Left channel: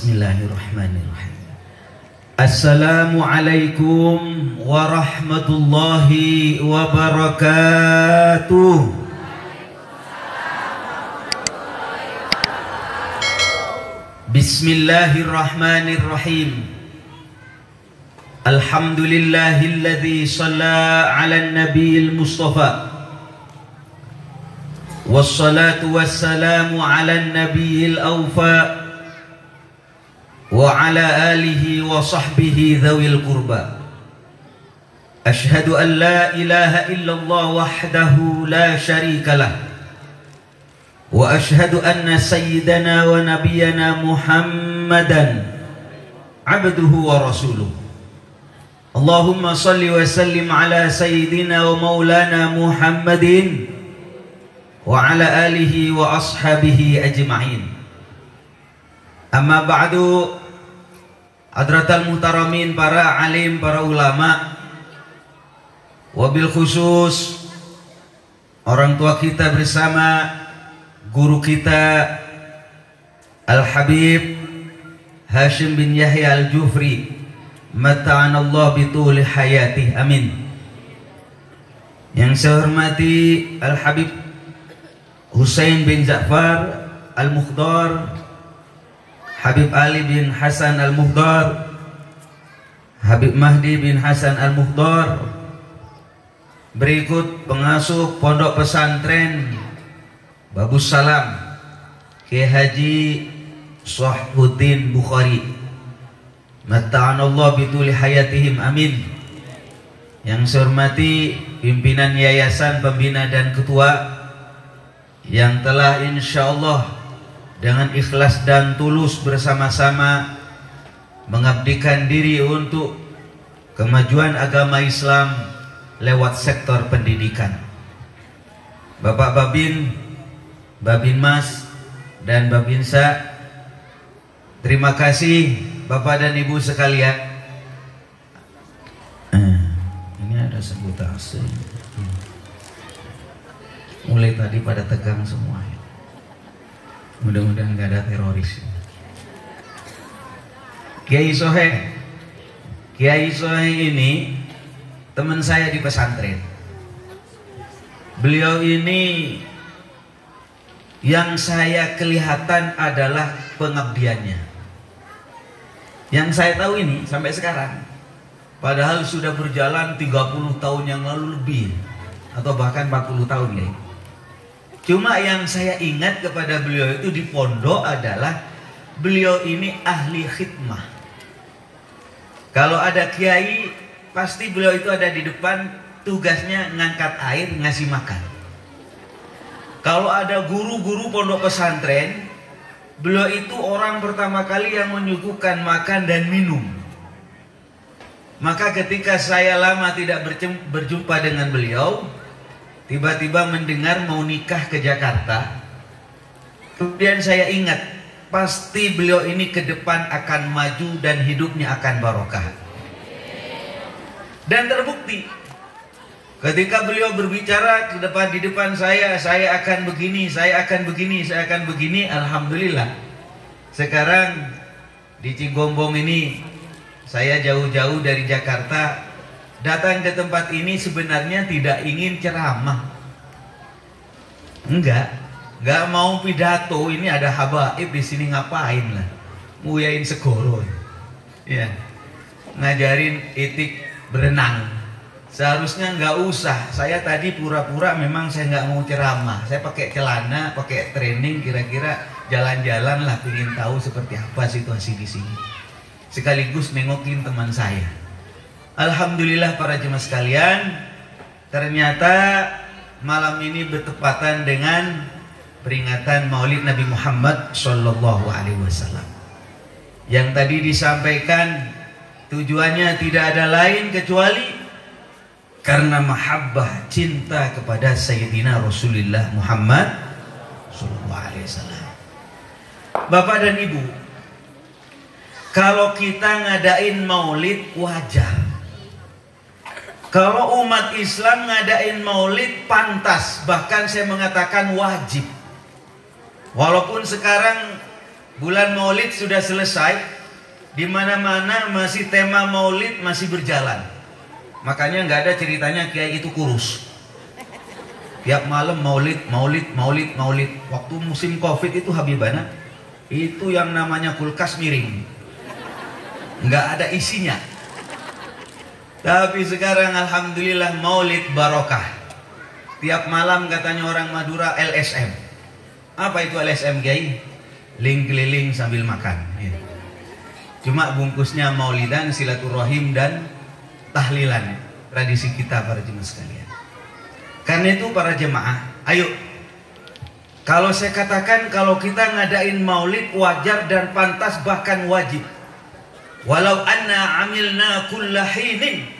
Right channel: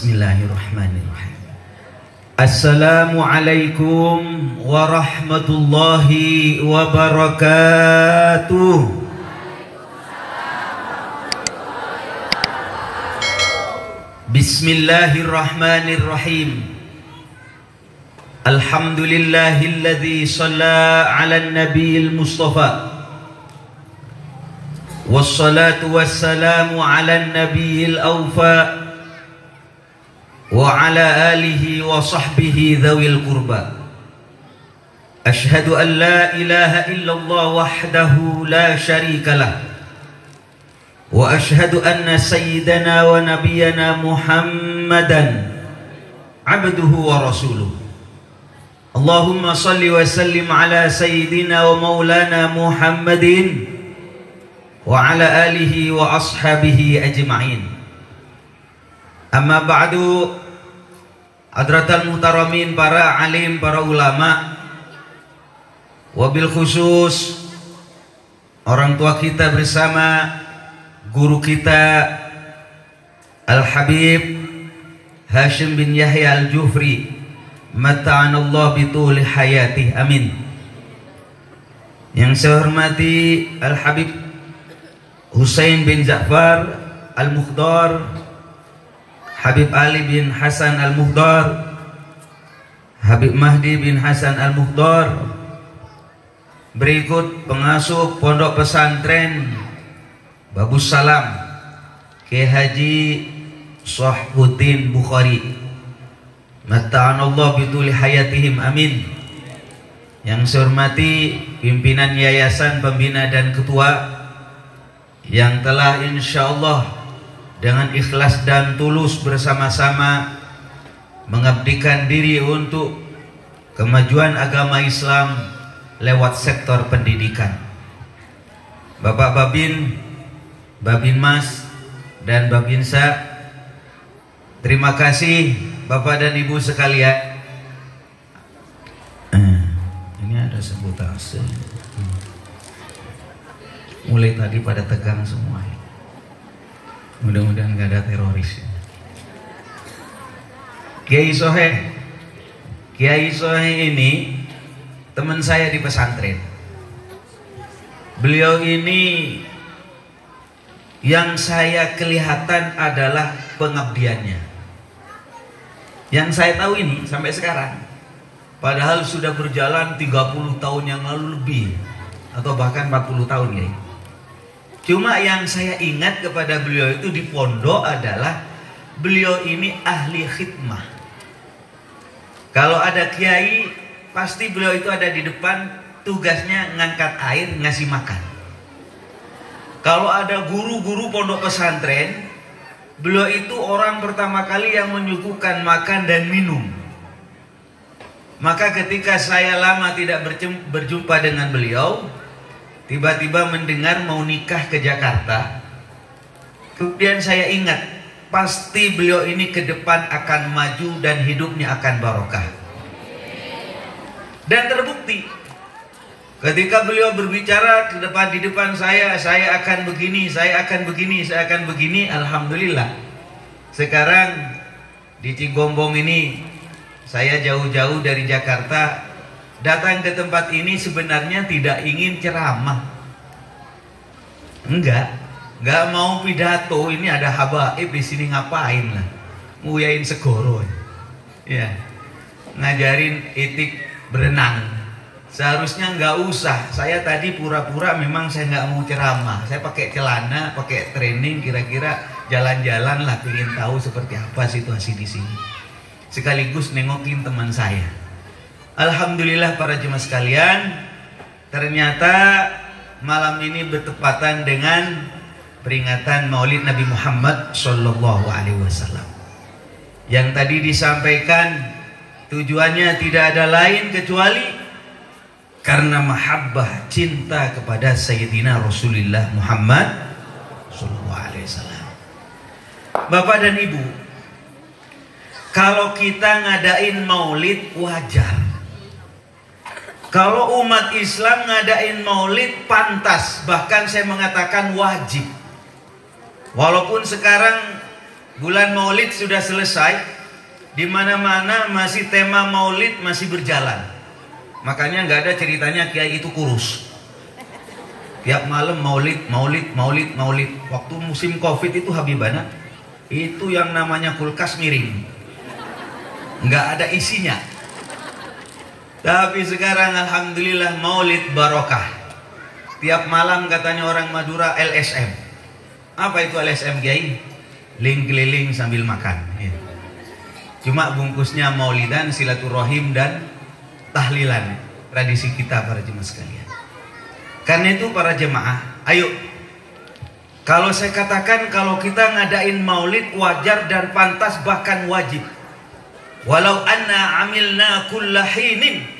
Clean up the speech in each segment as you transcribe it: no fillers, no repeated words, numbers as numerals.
Bismillahirrahmanirrahim. Assalamualaikum warahmatullahi wabarakatuh. Bismillahirrahmanirrahim. Alhamdulillahilladzi shalla 'alan nabiyil mustafa. Wassalatu wassalamu 'alan nabiyil awfa. Wa ala alihi wa sahbihi dhawil qurba. Ashhadu an la ilaha illallah wahdahu la syarika lah. Wa ashhadu anna sayyidana wa nabiyyana Muhammadan abduhu wa rasuluh. Allahumma salli wa sallim ala sayyidina wa maulana Muhammadin wa ala alihi wa ashabihi ajma'in. Amma ba'du. Hadratal muhtaramin, para alim, para ulama, wabil khusus orang tua kita bersama guru kita Al-Habib Hashim bin Yahya Al-Jufri, mata'anallah bituli hayatih, amin. Yang saya hormati Al-Habib Husain bin Ja'far Al-Mukhdar, Habib Ali bin Hasan Al-Muhdar, Habib Mahdi bin Hasan Al-Muhdar. Berikut pengasuh Pondok Pesantren Babus Salam Kiai Haji Sahbuddin Bukhari, mata'anallah bituli hayatihim, amin. Yang saya hormati pimpinan yayasan, pembina dan ketua yang telah insyaallah dengan ikhlas dan tulus bersama-sama mengabdikan diri untuk kemajuan agama Islam lewat sektor pendidikan. Bapak Babin, Babin Mas, dan Babinsa, terima kasih Bapak dan Ibu sekalian. Ini ada sabotase. Mulai tadi pada tegang semua. Mudah-mudahan gak ada teroris. Kiai Soheh ini teman saya di pesantren. Beliau ini yang saya kelihatan adalah pengabdiannya. Yang saya tahu ini sampai sekarang, padahal sudah berjalan 30 tahun yang lalu lebih, atau bahkan 40 tahun ya. Cuma yang saya ingat kepada beliau itu di pondok adalah beliau ini ahli khidmah. Kalau ada kiai, pasti beliau itu ada di depan, tugasnya ngangkat air, ngasih makan. Kalau ada guru-guru pondok pesantren, beliau itu orang pertama kali yang menyuguhkan makan dan minum. Maka ketika saya lama tidak berjumpa dengan beliau, tiba-tiba mendengar mau nikah ke Jakarta. Kemudian saya ingat, pasti beliau ini ke depan akan maju dan hidupnya akan barokah. Dan terbukti, ketika beliau berbicara di depan saya akan begini, saya akan begini, saya akan begini. Alhamdulillah, sekarang di Cigombong ini, saya jauh-jauh dari Jakarta datang ke tempat ini sebenarnya tidak ingin ceramah. Enggak mau pidato. Ini ada habaib di sini, ngapain lah? Nguyain segoro. Ya. Ngajarin etik berenang. Seharusnya enggak usah. Saya tadi pura-pura memang saya enggak mau ceramah. Saya pakai celana, pakai training, kira-kira jalan-jalan lah, ingin tahu seperti apa situasi di sini. Sekaligus nengokin teman saya. Alhamdulillah para jemaah sekalian, ternyata malam ini bertepatan dengan peringatan Maulid Nabi Muhammad Sallallahu Alaihi Wasallam. Yang tadi disampaikan tujuannya tidak ada lain kecuali karena mahabbah, cinta kepada Sayyidina Rasulullah Muhammad Sallallahu Alaihi Wasallam. Bapak dan Ibu, kalau kita ngadain Maulid wajar. Kalau umat Islam ngadain maulid pantas, bahkan saya mengatakan wajib. Walaupun sekarang Bulan Maulid sudah selesai, di mana-mana masih tema Maulid masih berjalan. Makanya nggak ada ceritanya kiai itu kurus. Tiap malam Maulid. Waktu musim Covid itu Habibana, itu yang namanya kulkas miring, nggak ada isinya. Tapi sekarang alhamdulillah Maulid barokah. Tiap malam katanya orang Madura LSM. Apa itu LSM kiai? Link keliling sambil makan. Cuma bungkusnya maulidan, silaturahim dan tahlilan. Tradisi kita para jemaah sekalian. Karena itu para jemaah, ayo. Kalau saya katakan kalau kita ngadain maulid wajar dan pantas bahkan wajib. Walau anna amilna kulla hinin.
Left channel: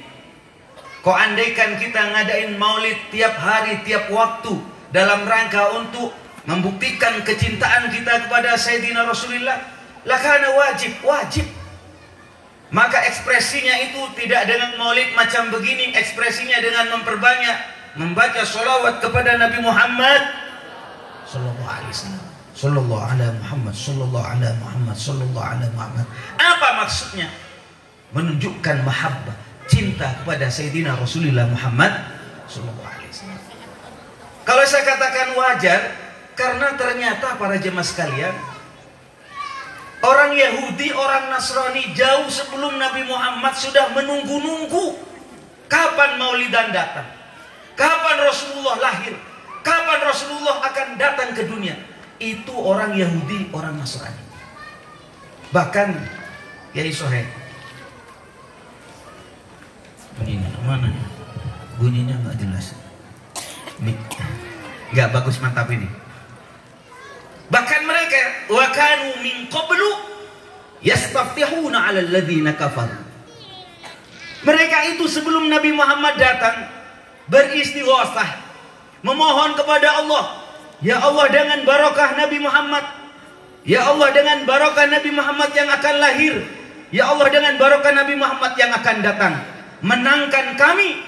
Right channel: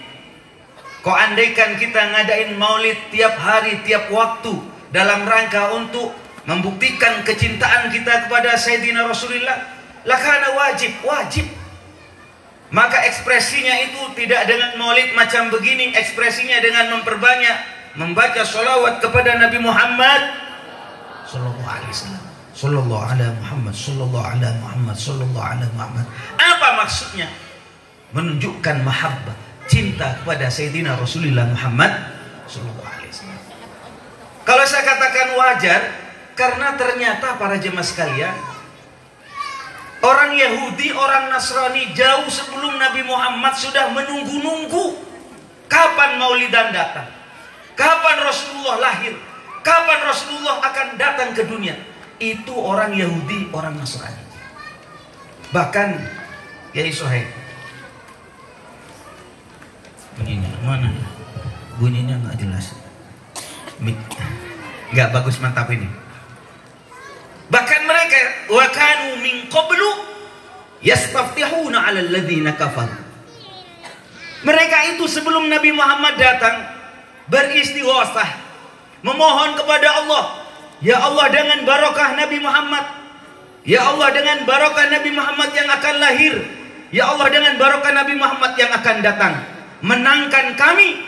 Kau andaikan kita ngadain maulid tiap hari, tiap waktu dalam rangka untuk membuktikan kecintaan kita kepada Sayyidina Rasulullah, lakana wajib. Maka ekspresinya itu tidak dengan maulid macam begini, ekspresinya dengan memperbanyak membaca sholawat kepada Nabi Muhammad sallallahu alaihi wasallam. Sallallahu ala Muhammad, sallallahu ala Muhammad, sallallahu ala Muhammad. Apa maksudnya? Menunjukkan mahabbah, cinta kepada Sayyidina Rasulullah Muhammad sallallahu alaihi wasallam. Kalau saya katakan wajar, karena ternyata para jemaah sekalian, orang Yahudi, orang Nasrani jauh sebelum Nabi Muhammad sudah menunggu-nunggu kapan Maulidan datang, kapan Rasulullah lahir, kapan Rasulullah akan datang ke dunia. Itu orang Yahudi, orang Nasrani. Bahkan Yai Sohaib, bunyinya mana? Bunyinya nggak jelas, nggak bagus, mantap ini. Bahkan mereka wa kanu min qablu yastaftihuna 'ala alladziina kafaru. Mereka itu sebelum Nabi Muhammad datang beristighosah, memohon kepada Allah, ya Allah dengan barokah Nabi Muhammad, ya Allah dengan barokah Nabi Muhammad yang akan lahir, ya Allah dengan barokah Nabi Muhammad yang akan datang, menangkan kami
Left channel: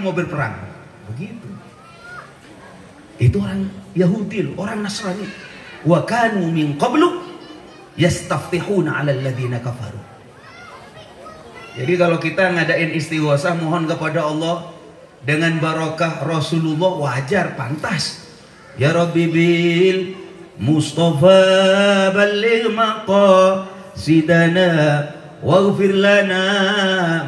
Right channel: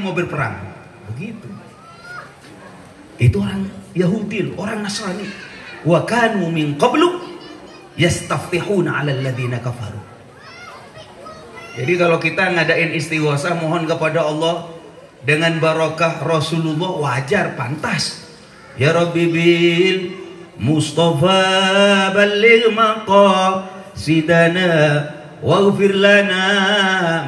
mau berperang. Begitu. Itu orang Yahudi, orang Nasrani. Wa kanu min qablu yastaftihuna 'ala alladziina kafaru. Jadi kalau kita ngadain istighosah mohon kepada Allah dengan barokah Rasulullah, wajar, pantas. Ya Rabbi bil Mustafa balligh maqasidana waghfir lana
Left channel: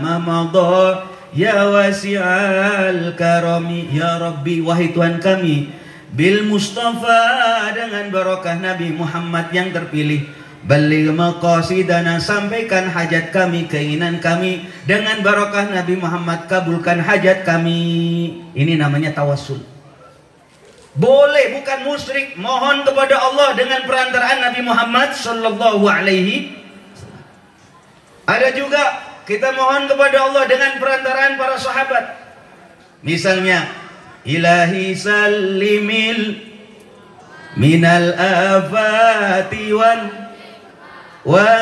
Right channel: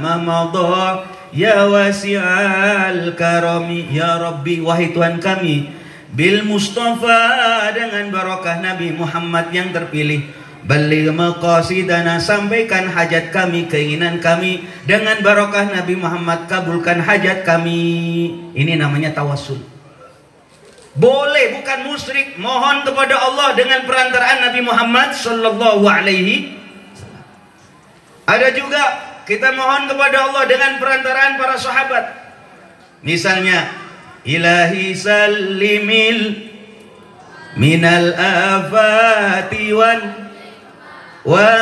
ma madha ya wasi'al karami. Ya Rabbi, wahai Tuhan kami, bil Mustafa, dengan barokah Nabi Muhammad yang terpilih, balligh maqasidana, sampaikan hajat kami, keinginan kami, dengan barokah Nabi Muhammad kabulkan hajat kami. Ini namanya tawassul. Boleh, bukan musyrik, mohon kepada Allah dengan perantaraan Nabi Muhammad sallallahu alaihi. Ada juga kita mohon kepada Allah dengan perantaraan para sahabat. Misalnya, Ilahi sallimil minal afati wa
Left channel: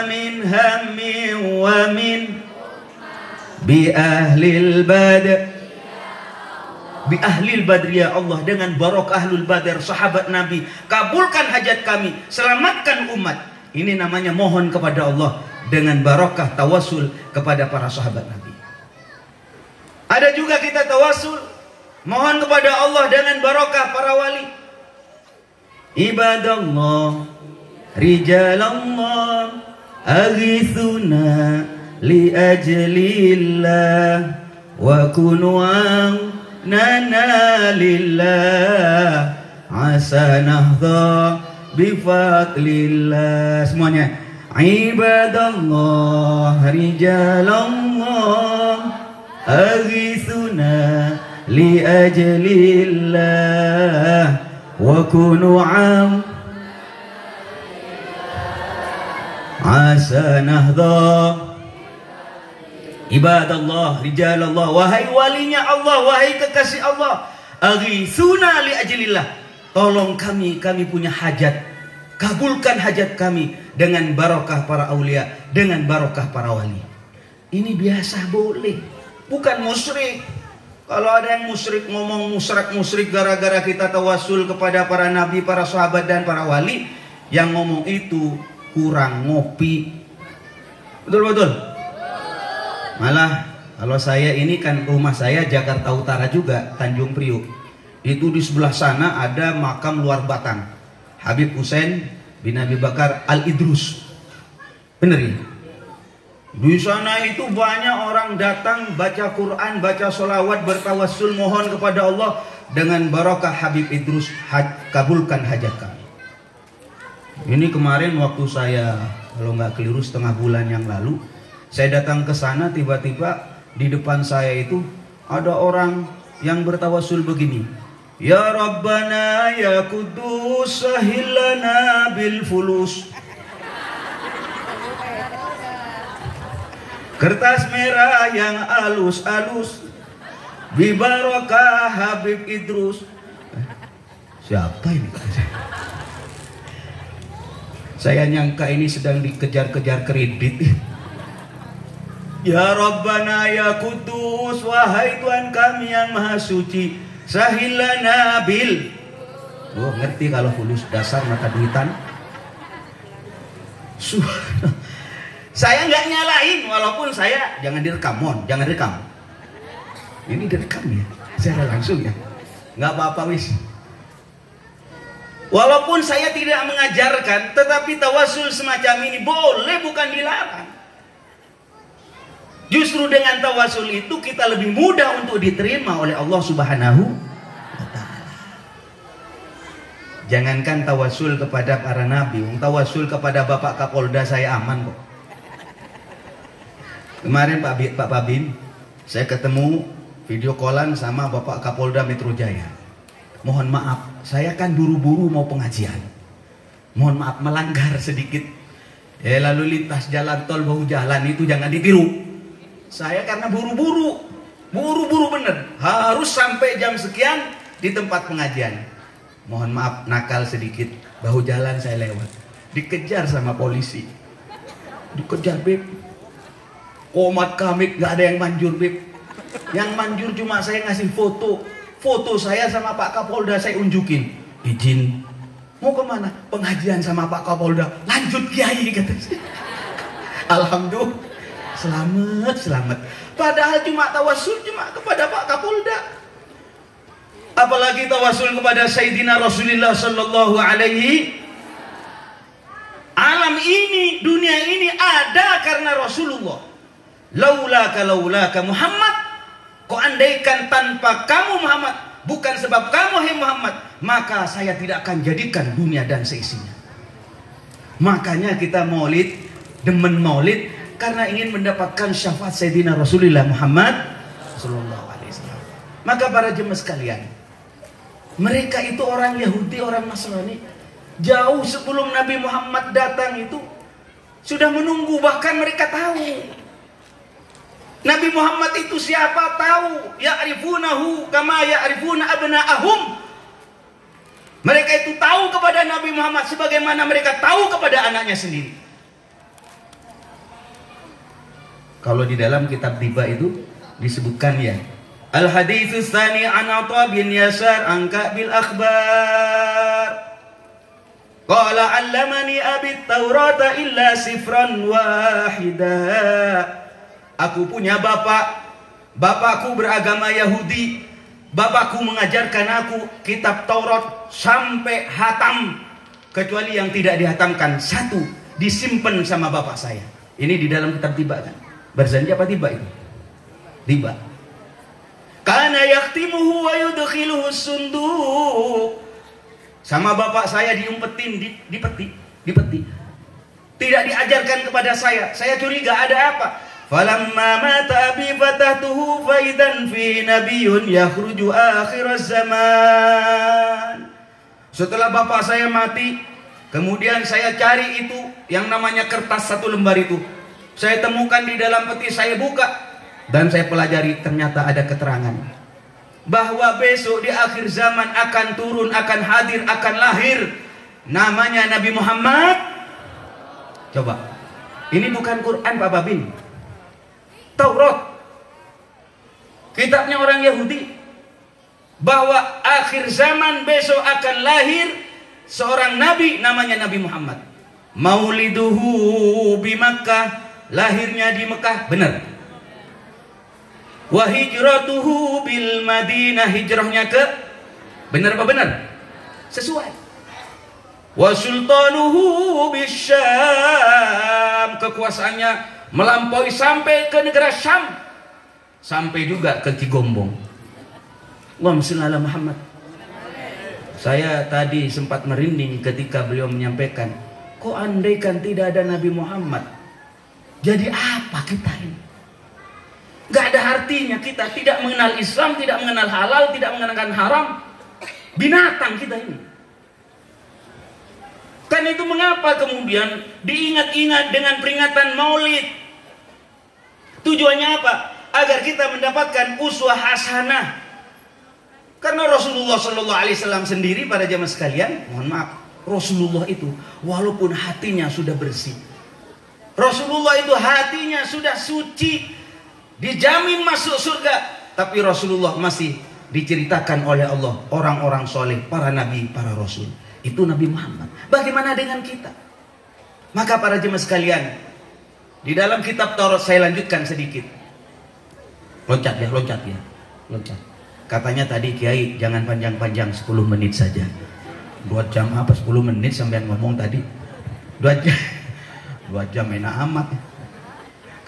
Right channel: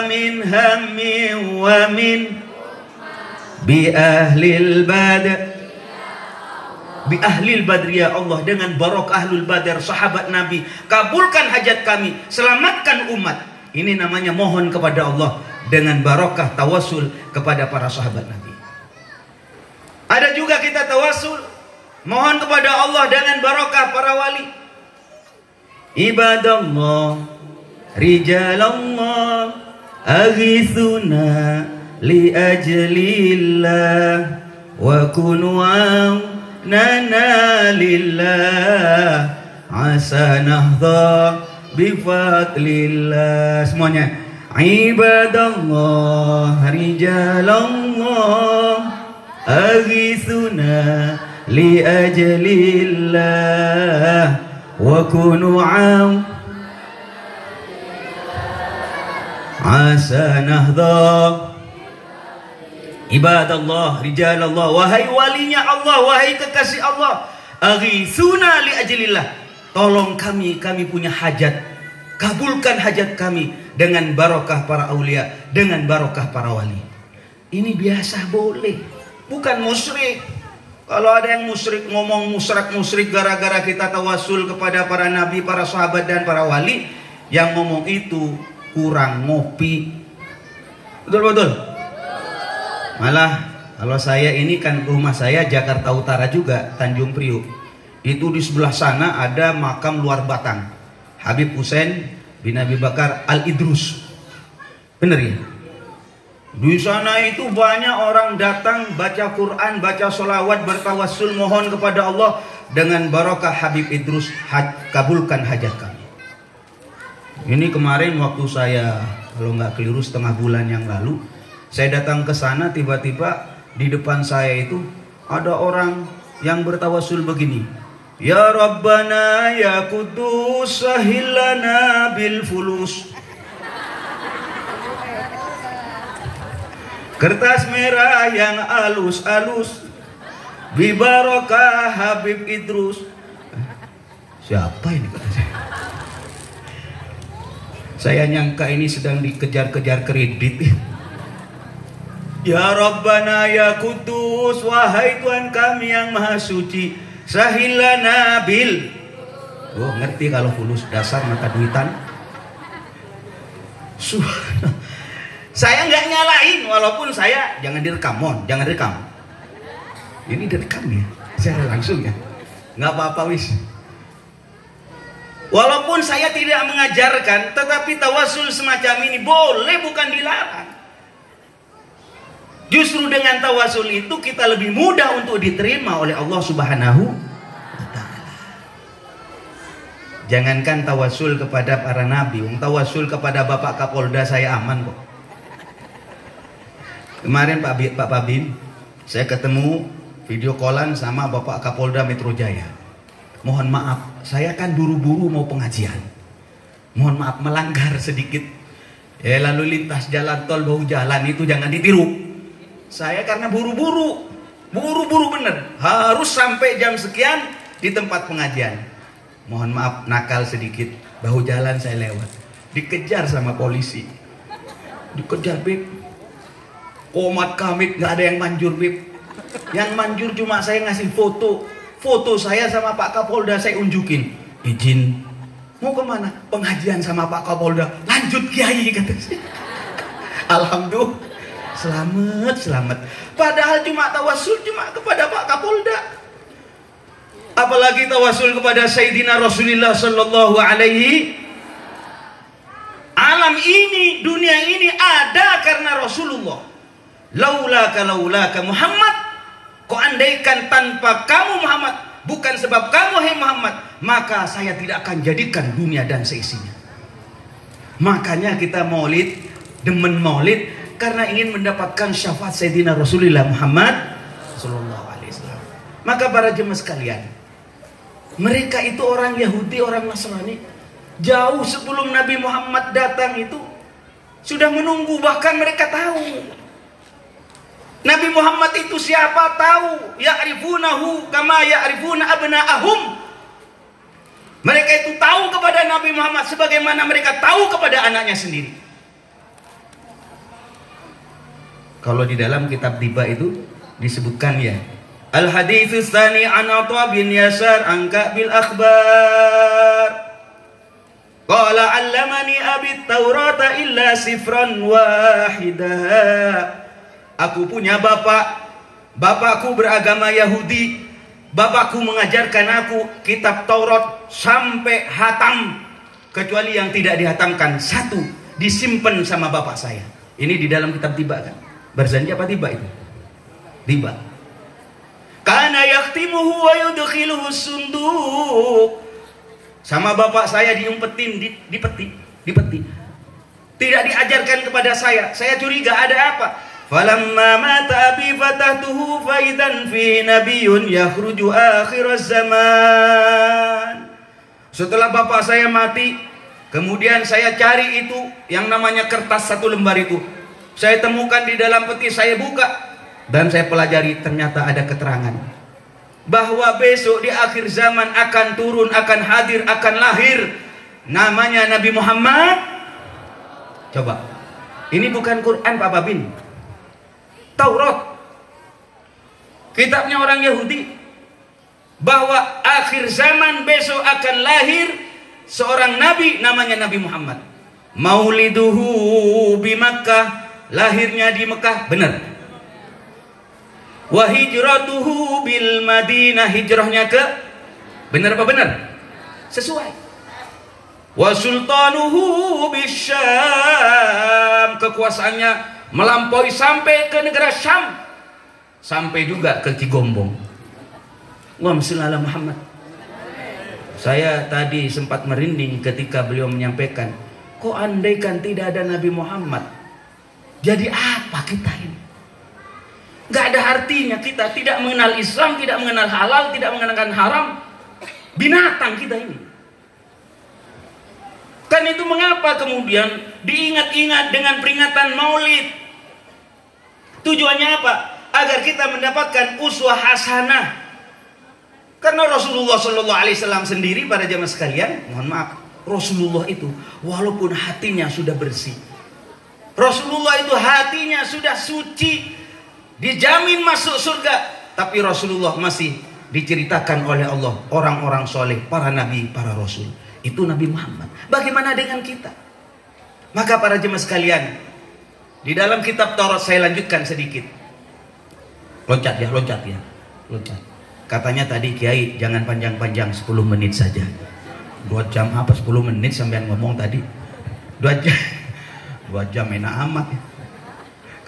min hammin wa min bi ahlil badr ya Allah, dengan barokah ahlul badr, sahabat Nabi, kabulkan hajat kami, selamatkan umat. Ini namanya mohon kepada Allah dengan barokah tawasul kepada para sahabat Nabi. Ada juga kita tawasul mohon kepada Allah dengan barokah para wali. Ibadallah, rijalallah, aghithuna li ajlillah wa kunu nana lillah asa nahdha bifadlillah. Semuanya. Ibadallah, rijalallah, aghithuna li ajlillah wa kunu asa nahdha. Ibadallah, rijalallah, wahai walinya Allah, wahai kekasih Allah, aghithuna li ajlillah, tolong kami punya hajat, kabulkan hajat kami dengan barokah para aulia, dengan barokah para wali. Ini biasa, boleh, bukan musyrik. Kalau ada yang musyrik, ngomong musyrik gara-gara kita tawasul kepada para nabi, para sahabat dan para wali, yang ngomong itu kurang ngopi. Betul. Malah kalau saya ini kan rumah saya Jakarta Utara juga, Tanjung Priuk. Itu di sebelah sana ada makam luar batang Habib Hussein bin Abi Bakar Al-Idrus. Bener ya? Di sana itu banyak orang datang baca Quran, baca sholawat, bertawassul mohon kepada Allah dengan barokah Habib Idrus, kabulkan hajat kami. Ini kemarin waktu saya, kalau nggak keliru setengah bulan yang lalu, saya datang ke sana, tiba-tiba di depan saya itu ada orang yang bertawassul begini. Ya Rabbana ya Kudus sahilana bil fulus. Kertas merah yang alus-alus bibarokah Habib Idrus. Siapa ini? Saya nyangka ini sedang dikejar-kejar kredit. Ya Rabbana ya Kudus, wahai Tuhan kami yang maha suci, sahilana bil. Oh, ngerti kalau fulus, dasar mata duitan. Saya nggak nyalain, walaupun saya jangan direkam, jangan rekam. Ini direkam nih, saya langsung ya. Nggak apa-apa wis. Walaupun saya tidak mengajarkan, tetapi tawasul semacam ini boleh, bukan dilarang. Justru dengan tawasul itu kita lebih mudah untuk diterima oleh Allah Subhanahu wa Ta'ala. Jangankan tawasul kepada para nabi, tawasul kepada Bapak Kapolda saya aman kok. Kemarin Pak Babin, saya ketemu video callan sama Bapak Kapolda Metro Jaya. Mohon maaf, saya kan buru-buru mau pengajian. Mohon maaf melanggar sedikit. Lalu lintas jalan tol bahu jalan itu jangan ditiru. Saya karena buru-buru bener. Harus sampai jam sekian di tempat pengajian. Mohon maaf nakal sedikit, bahu jalan saya lewat. Dikejar sama polisi. Dikejar Beb. Komat kamit nggak ada yang manjur Beb. Yang manjur cuma saya ngasih foto saya sama Pak Kapolda, saya unjukin. Izin mau kemana? Pengajian sama Pak Kapolda. Lanjut Kiai kata saya. Alhamdulillah selamat. Padahal cuma tawasul cuma kepada Pak Kapolda. Apalagi tawasul kepada Sayyidina Rasulullah Sallallahu Alaihi. Alam ini, dunia ini ada karena Rasulullah. Laulaka Muhammad, kau andaikan tanpa kamu Muhammad, bukan sebab kamu hai Muhammad, maka saya tidak akan jadikan dunia dan seisinya. Makanya kita maulid, demen maulid karena ingin mendapatkan syafaat Sayyidina Rasulullah Muhammad Sallallahu Alaihi Wasallam. Maka para jemaah sekalian, mereka itu orang Yahudi, orang Nasrani, jauh sebelum Nabi Muhammad datang itu sudah menunggu, bahkan mereka tahu Nabi Muhammad itu siapa, tahu. Ya'rifunahu kama ya'rifuna abna'ahum. Mereka itu tahu kepada Nabi Muhammad sebagaimana mereka tahu kepada anaknya sendiri. Kalau di dalam kitab Tiba itu disebutkan ya, Al-haditsus tsani an Atha bin Yasar an Ka'bil akhbar. Qala 'allamani abi at-Taurata illa sifran wahida. Aku punya bapakku beragama Yahudi. Bapakku mengajarkan aku kitab Taurat sampai hatam, kecuali yang tidak dihatamkan satu disimpan sama bapak saya. Ini di dalam kitab Tiba kan? Barzanji apa Tiba itu? Tiba. Kana yaktimuhu wa yudkhiluhu sunduk. Sama bapak saya diumpetin di peti. Tidak diajarkan kepada saya. Saya curiga ada apa? Falamma mata abi fatahtuhu faidan fi nabiyyun yakhruju akhir zaman. Setelah bapak saya mati, kemudian saya cari itu yang namanya kertas satu lembar itu. Saya temukan di dalam peti, saya buka dan saya pelajari, ternyata ada keterangan bahwa besok di akhir zaman akan turun, akan hadir, akan lahir namanya Nabi Muhammad. Coba, ini bukan Quran Pak Babin, Taurat, kitabnya orang Yahudi, bahwa akhir zaman besok akan lahir seorang nabi namanya Nabi Muhammad. Mauliduhu bi Makkah, lahirnya di Mekah, benar. Wa hijratuhu bil Madinah, hijrahnya ke, benar apa benar? Sesuai. Wa sultanuhu bisyam, kekuasaannya melampaui sampai ke negara Syam, sampai juga ke Cigombong. Allahumma shalli ala Muhammad. Saya tadi sempat merinding ketika beliau menyampaikan, kok andaikan tidak ada Nabi Muhammad, jadi apa kita ini? Gak ada artinya kita, tidak mengenal Islam, tidak mengenal halal, tidak mengenal haram. Binatang kita ini. Karena itu mengapa kemudian diingat-ingat dengan peringatan Maulid? Tujuannya apa? Agar kita mendapatkan uswah hasanah. Karena Rasulullah Shallallahu Alaihi Wasallam sendiri, para jamaah sekalian, mohon maaf, Rasulullah itu walaupun hatinya sudah bersih, Rasulullah itu hatinya sudah suci, dijamin masuk surga, tapi Rasulullah masih diceritakan oleh Allah orang-orang soleh, para nabi, para rasul. Itu Nabi Muhammad. Bagaimana dengan kita? Maka para jemaah sekalian, di dalam kitab Taurat, saya lanjutkan sedikit. Loncat ya. Katanya tadi Kiai jangan panjang-panjang, 10 menit saja. 2 jam apa 10 menit sampai ngomong tadi? 2 jam. 2 jam enak amat.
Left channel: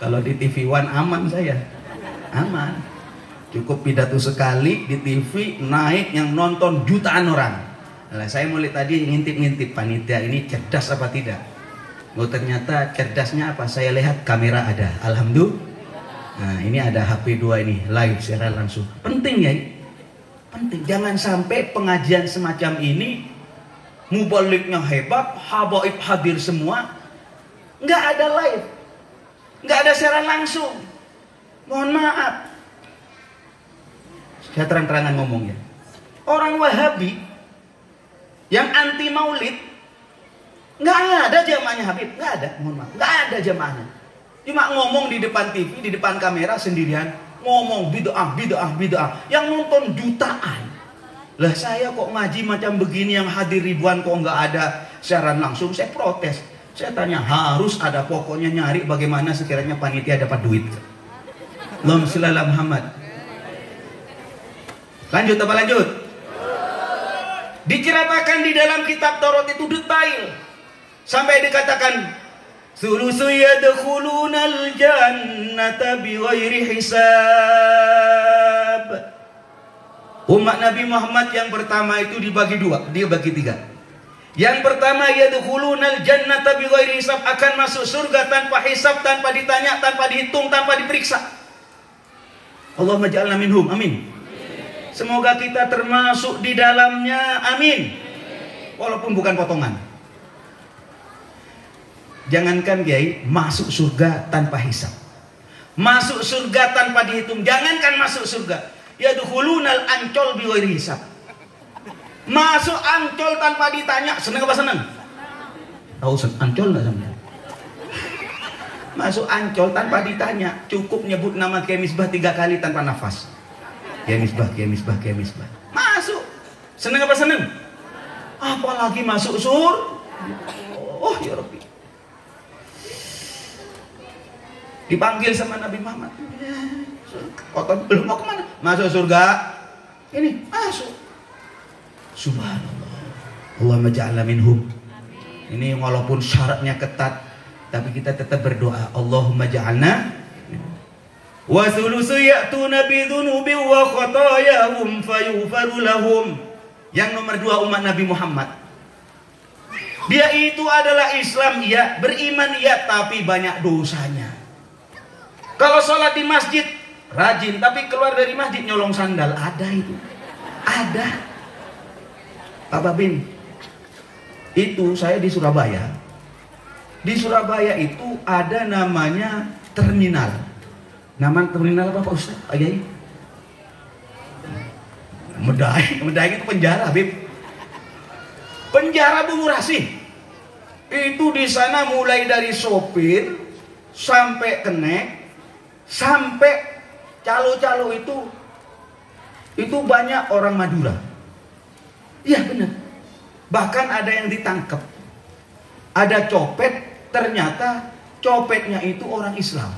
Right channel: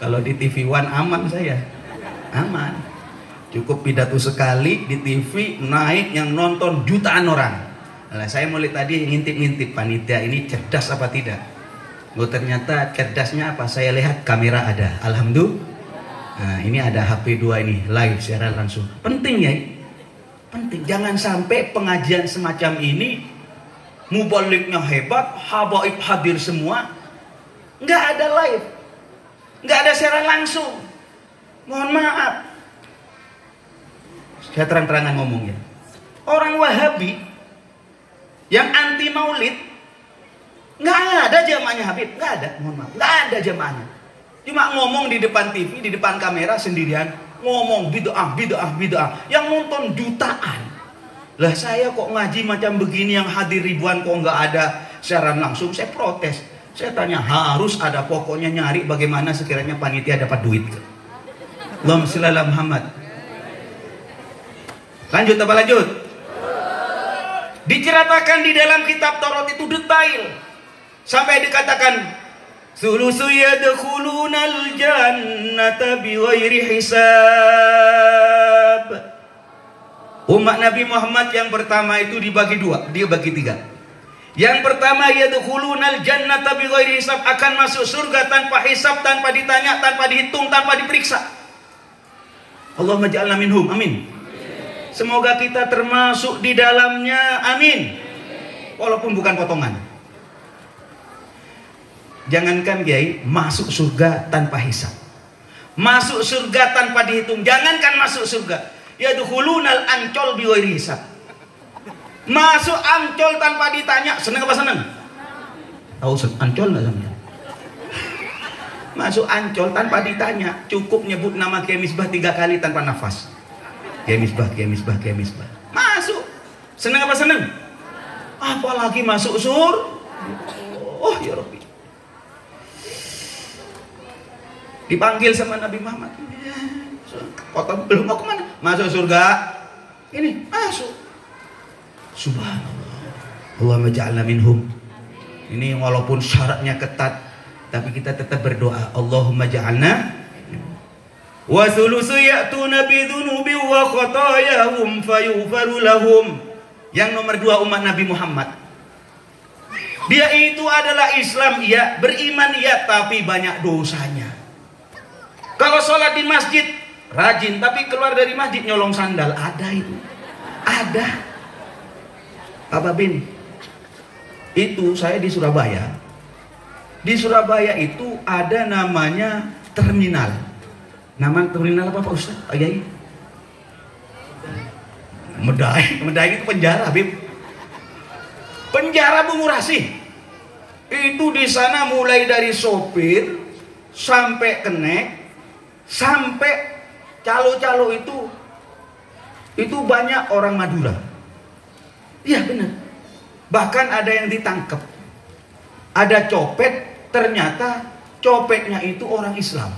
Kalau di TV One aman saya. Aman. Cukup pidato sekali di TV, naik yang nonton jutaan orang. Nah, saya mulai tadi ngintip-ngintip panitia ini cerdas apa tidak. Oh, ternyata cerdasnya apa? Saya lihat kamera ada. Alhamdulillah. Nah, ini ada HP 2 ini live secara langsung. Penting ya. Penting. Jangan sampai pengajian semacam ini mubaliknya hebat, habaib hadir semua, nggak ada live, nggak ada secara langsung. Mohon maaf. Saya terang-terangan ngomongnya. Orang Wahabi yang anti maulid, nggak ada jamaahnya Habib, nggak ada, mohon maaf, nggak ada jamaahnya. Cuma ngomong di depan TV, di depan kamera sendirian, ngomong bid'ah. Yang nonton jutaan. Lah saya kok ngaji macam begini yang hadir ribuan kok nggak ada siaran langsung, saya protes. Saya tanya, harus ada, pokoknya nyari bagaimana sekiranya panitia dapat duit. Allahumma shalli ala Muhammad. Lanjut apa lanjut? Diceritakan di dalam kitab Taurat itu detail. Sampai dikatakan sulusu yadkhulunal jannata bighairi hisab. Umat Nabi Muhammad yang pertama itu dibagi 2, dia bagi 3. Yang pertama yadkhulunal jannata bighairi hisab, akan masuk surga tanpa hisab, tanpa ditanya, tanpa dihitung, tanpa diperiksa. Allahumma ja'alna minhum, amin. Semoga kita termasuk di dalamnya, amin. Walaupun bukan potongan. Jangankan Kiai masuk surga tanpa hisab, masuk surga tanpa dihitung. Jangankan masuk surga, yadkhulunal ancol bighairi hisab. Masuk ancol tanpa ditanya, seneng apa seneng? Tahu ancol enggak seneng? Masuk ancol tanpa ditanya, cukup nyebut nama Kiai Misbah 3 kali tanpa nafas. Kiai Misbah. Masuk. Seneng apa seneng? Apalagi masuk surga. Oh ya Rabbi. Dipanggil sama Nabi Muhammad. Kota belum mau kemana? Masuk surga. Ini masuk. Subhanallah. Allahumma ja'alna minhum. Ini walaupun syaratnya ketat, tapi kita tetap berdoa. Allahumma ja'alna. Wa thulusu ya'tuna bidhunubi wa khatayahum fayughfaru lahum. Yang nomor 2 umat Nabi Muhammad. Dia itu adalah Islam, ya, beriman, ya, tapi banyak dosanya. Kalau sholat di masjid rajin, tapi keluar dari masjid nyolong sandal, ada itu, ada. Pak Babin, itu saya di Surabaya. Di Surabaya itu ada namanya terminal. Nama terminal apa Pak Ustaz? Pak Yai? Medai itu penjara, Bib. Penjara Bungurasi. Itu di sana mulai dari sopir sampai kenek, sampai calo-calo itu banyak orang Madura. Iya benar. Bahkan ada yang ditangkap, Ada copet, ternyata copetnya itu orang Islam.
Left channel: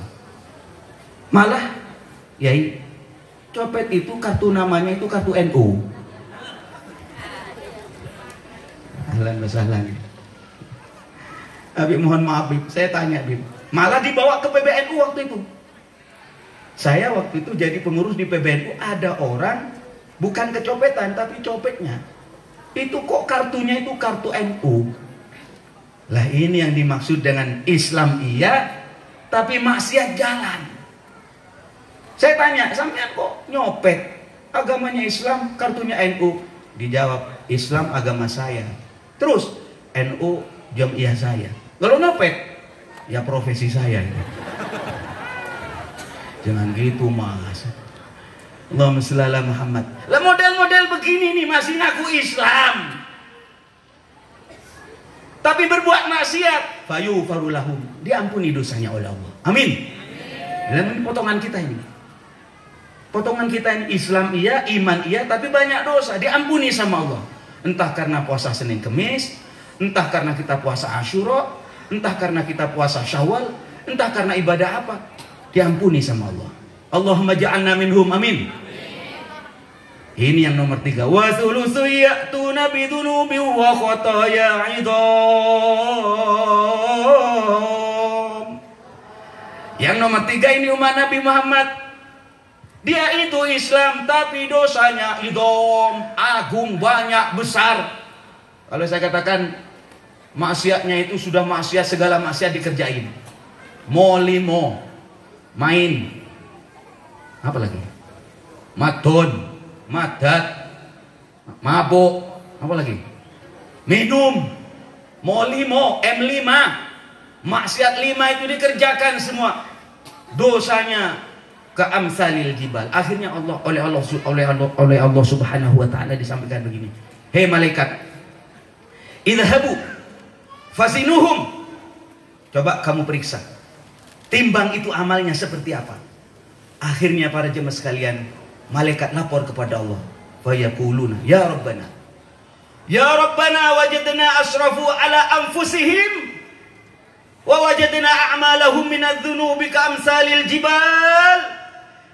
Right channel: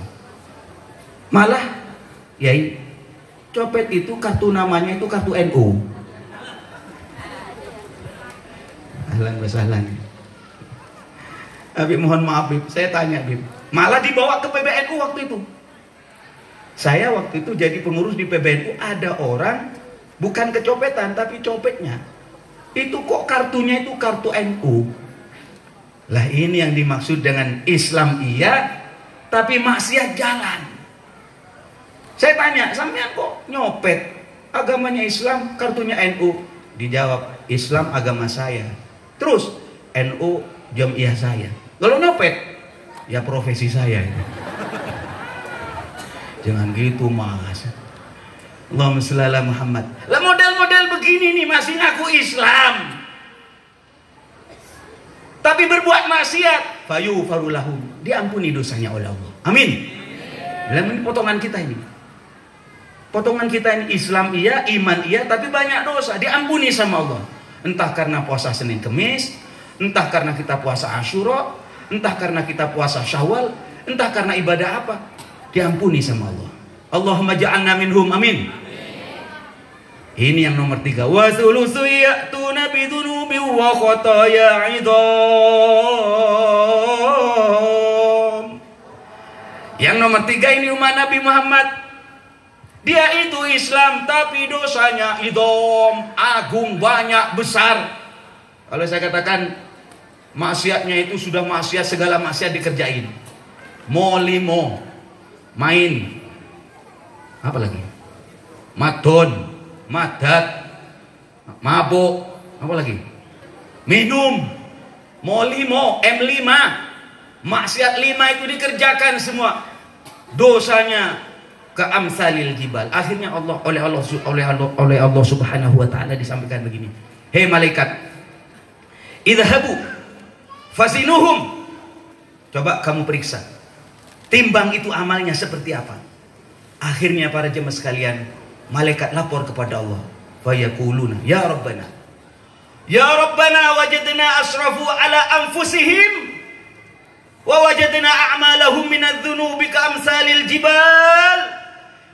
Malah, yai, copet itu kartu namanya itu kartu NU. Ahlan wa sahlan. Habib mohon maaf, Bib. Saya tanya, Bib. Malah dibawa ke PBNU waktu itu. Saya waktu itu jadi pengurus di PBNU, ada orang bukan kecopetan tapi copetnya. Itu kok kartunya itu kartu NU. Lah ini yang dimaksud dengan Islam iya, tapi maksiat jalan. Saya tanya, sampean kok nyopet? Agamanya Islam, kartunya NU. Dijawab, Islam agama saya. Terus, NU jamiah saya. Lalu nyopet? Ya profesi saya. Jangan gitu mas. Allahumma shalli ala Muhammad. Lah model-model begini nih masih ngaku Islam, tapi berbuat maksiat, fayughfaru lahum, diampuni dosanya oleh Allah. Amin. Dan potongan kita ini. Potongan kita ini Islam iya, iman iya, tapi banyak dosa, diampuni sama Allah. Entah karena puasa Senin Kemis, entah karena kita puasa Asyura, entah karena kita puasa Syawal, entah karena ibadah apa, diampuni sama Allah. Allahumma ja'alna minhum, amin. Ini yang nomor 3. Wa thulutsu ya'tuna bidunubi wa khataya 'idham. Yang nomor 3 ini umat Nabi Muhammad. Dia itu Islam tapi dosanya idham, agung, banyak, besar. Kalau saya katakan maksiatnya itu sudah maksiat, segala maksiat dikerjain. Molimo, main, apa lagi? Madon, madat, mabuk, apa lagi? Minum, molimo, M5, maksiat 5 itu dikerjakan semua. Dosanya keamsalil jibal. Akhirnya oleh Allah Subhanahu wa taala disampaikan begini. Hei malaikat, idhabu fasinuhum. Coba kamu periksa. Timbang itu amalnya seperti apa? Akhirnya para jemaah sekalian, malaikat lapor kepada Allah. Wa yaquluna, ya Rabbana. Ya Rabbana wajadna asrafu ala anfusihim wa wajadna a'malahum minadh-dhunubi ka'amsalil jibal.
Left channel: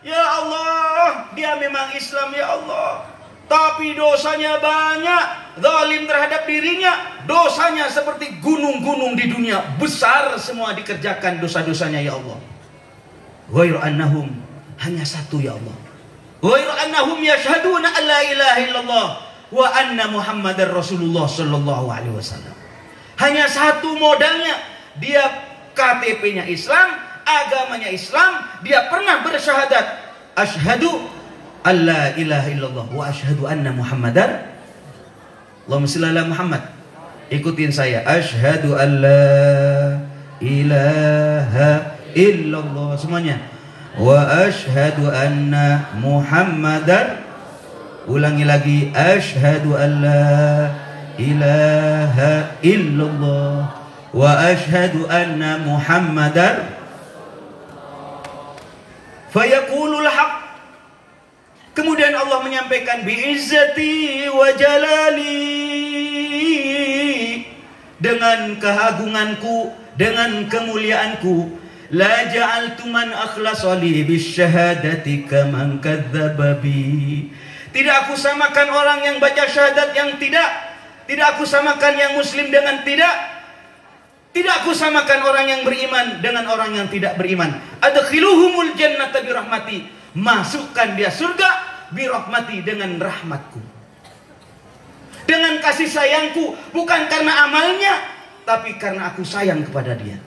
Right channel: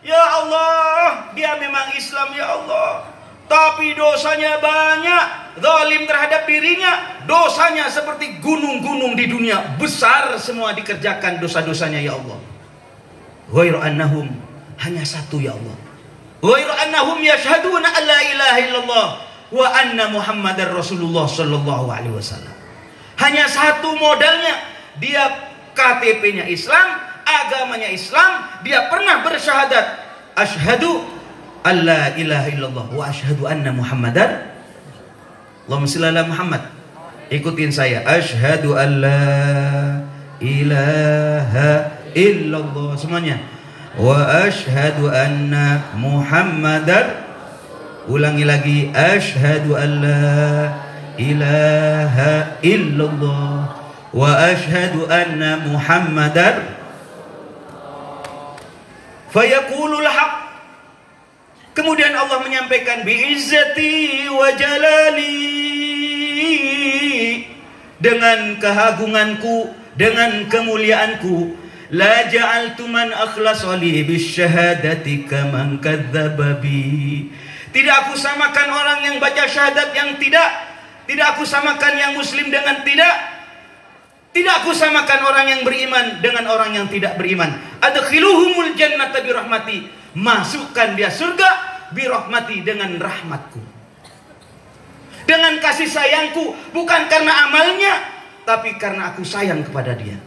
Ya Allah, dia memang Islam ya Allah, tapi dosanya banyak, zalim terhadap dirinya, dosanya seperti gunung-gunung di dunia, besar semua dikerjakan dosa-dosanya ya Allah. Ghairu annahum, hanya satu ya Allah. Ghairu annahum yashhaduna an la ilaha illallah wa anna Muhammadar Rasulullah sallallahu alaihi wasallam. Hanya satu modalnya, dia KTP-nya Islam, agamanya Islam, dia pernah bersyahadat asyhadu alla ilaha illallah wa asyhadu anna Muhammadar. Allahumma shalli ala Muhammad. Ikutin saya, asyhadu alla ilaha illallah semuanya, wa asyhadu anna Muhammadar. Ulangi lagi, asyhadu alla ilaha illallah wa asyhadu anna Muhammadar. Fayaqulul haq. Kemudian Allah menyampaikan bi'izzati wa jalali, dengan keagunganku, dengan kemuliaanku, la ja'altu man akhlasa li bisyahadati kaman kadzdzaba bi. Tidak aku samakan orang yang baca syahadat yang tidak aku samakan yang muslim dengan tidak aku samakan orang yang beriman dengan orang yang tidak beriman. Adkhiluhumul jannata birahmati, masukkan dia surga birahmati, dengan rahmatku, dengan kasih sayangku, bukan karena amalnya, tapi karena aku sayang kepada dia.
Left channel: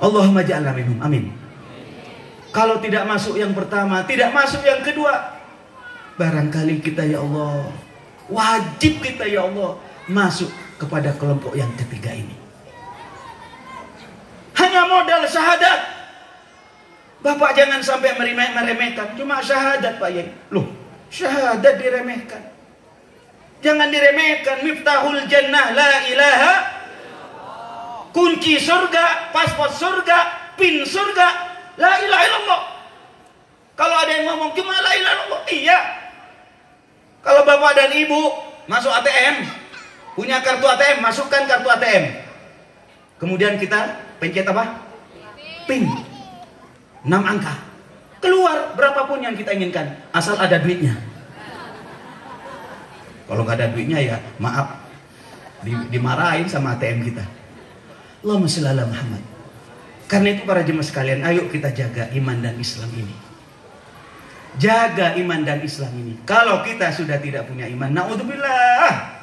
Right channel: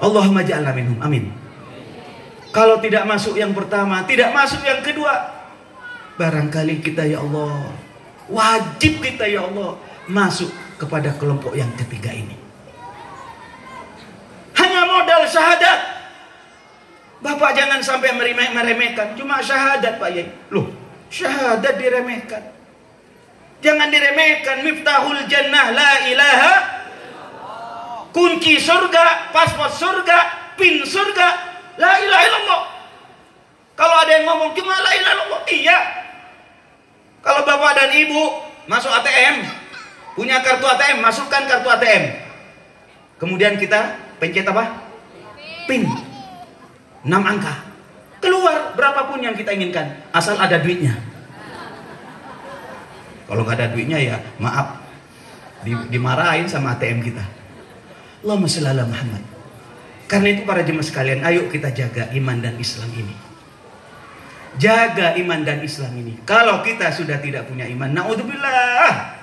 Allahumma ja'alna minhum, amin. Kalau tidak masuk yang pertama, tidak masuk yang kedua, barangkali kita ya Allah, wajib kita ya Allah masuk kepada kelompok yang ketiga ini. Hanya modal syahadat. Bapak jangan sampai meremehkan. Cuma syahadat Pak Yai. Loh, syahadat diremehkan. Jangan diremehkan. Miftahul jannah la ilaha, kunci surga, paspor surga, pin surga, la ilaha illallah. Kalau ada yang ngomong cuma la ilaha illallah, iya. Kalau bapak dan ibu masuk ATM, Punya kartu ATM, masukkan kartu ATM. Kemudian kita pencet apa? PIN. 6 angka. Keluar berapapun yang kita inginkan, asal ada duitnya. Kalau nggak ada duitnya ya maaf, dimarahin sama ATM kita. Allahumma shalli ala Muhammad. Karena itu para jemaah sekalian, ayo kita jaga iman dan Islam ini. Jaga iman dan Islam ini. Kalau kita sudah tidak punya iman, naudzubillah.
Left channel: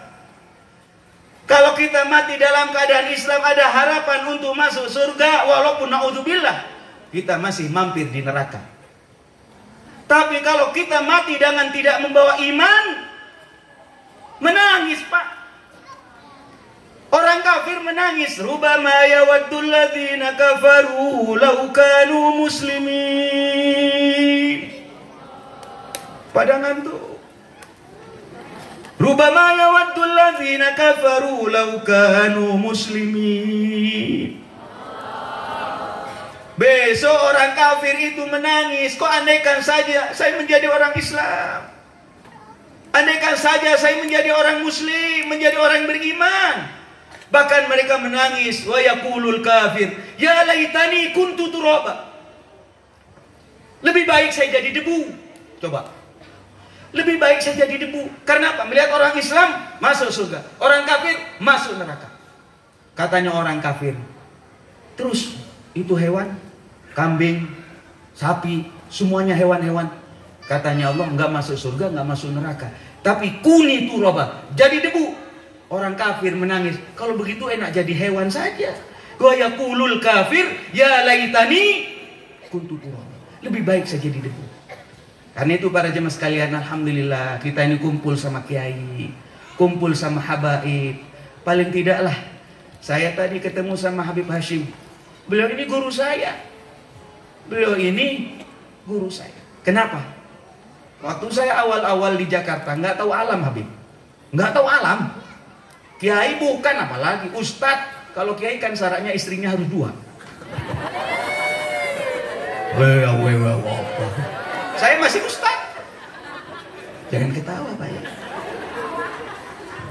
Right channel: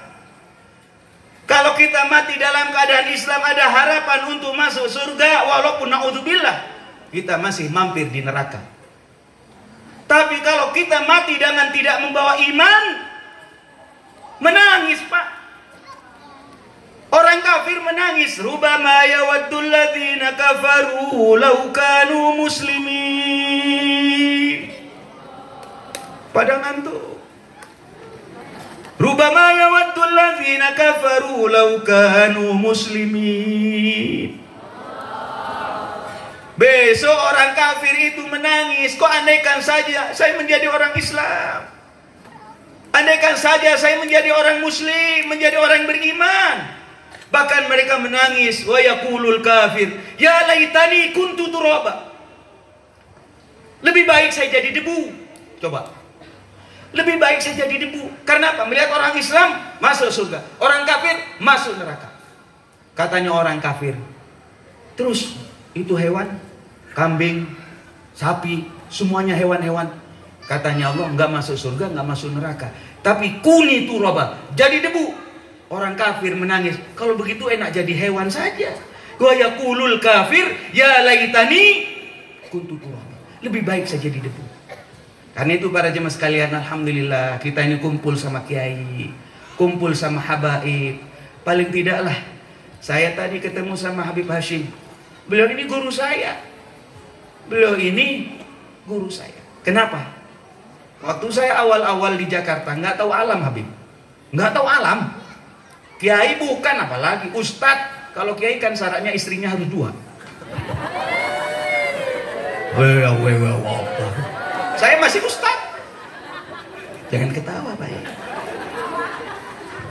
Kalau kita mati dalam keadaan Islam, ada harapan untuk masuk surga, walaupun naudzubillah kita masih mampir di neraka. Tapi kalau kita mati dengan tidak membawa iman, menangis Pak. Orang kafir menangis. Rubama yawaddul ladzina kafaru law kanu muslimin. Pada ngantuk. Rubama yawaddul ladzina kafaru law kanu muslimin. Besok orang kafir itu menangis. Kok andaikan saja saya menjadi orang Islam. Andaikan saja saya menjadi orang muslim, menjadi orang beriman. Bahkan mereka menangis. Wa yaqulul kafir, ya laitani kuntu turaba. Lebih baik saya jadi debu. Coba. Lebih baik saya jadi debu. Karena apa? Melihat orang Islam masuk surga, orang kafir masuk neraka. Katanya orang kafir, terus itu hewan, kambing, sapi, semuanya hewan-hewan. Katanya Allah, enggak masuk surga, enggak masuk neraka. Tapi kuni turaba, jadi debu. Orang kafir menangis. Kalau begitu enak jadi hewan saja. Wa yaqulul kafir, ya laitani kuntu turaba. Lebih baik saya jadi debu. Karena itu para jemaah sekalian, alhamdulillah kita ini kumpul sama kiai, kumpul sama habaib. Paling tidaklah saya tadi ketemu sama Habib Hashim. Beliau ini guru saya. Beliau ini guru saya. Kenapa? Waktu saya awal-awal di Jakarta nggak tahu alam Habib, nggak tahu alam. Kiai bukan, apalagi ustadz. Kalau kiai kan syaratnya istrinya harus 2. Saya masih ustadz. Jangan ketawa Pak.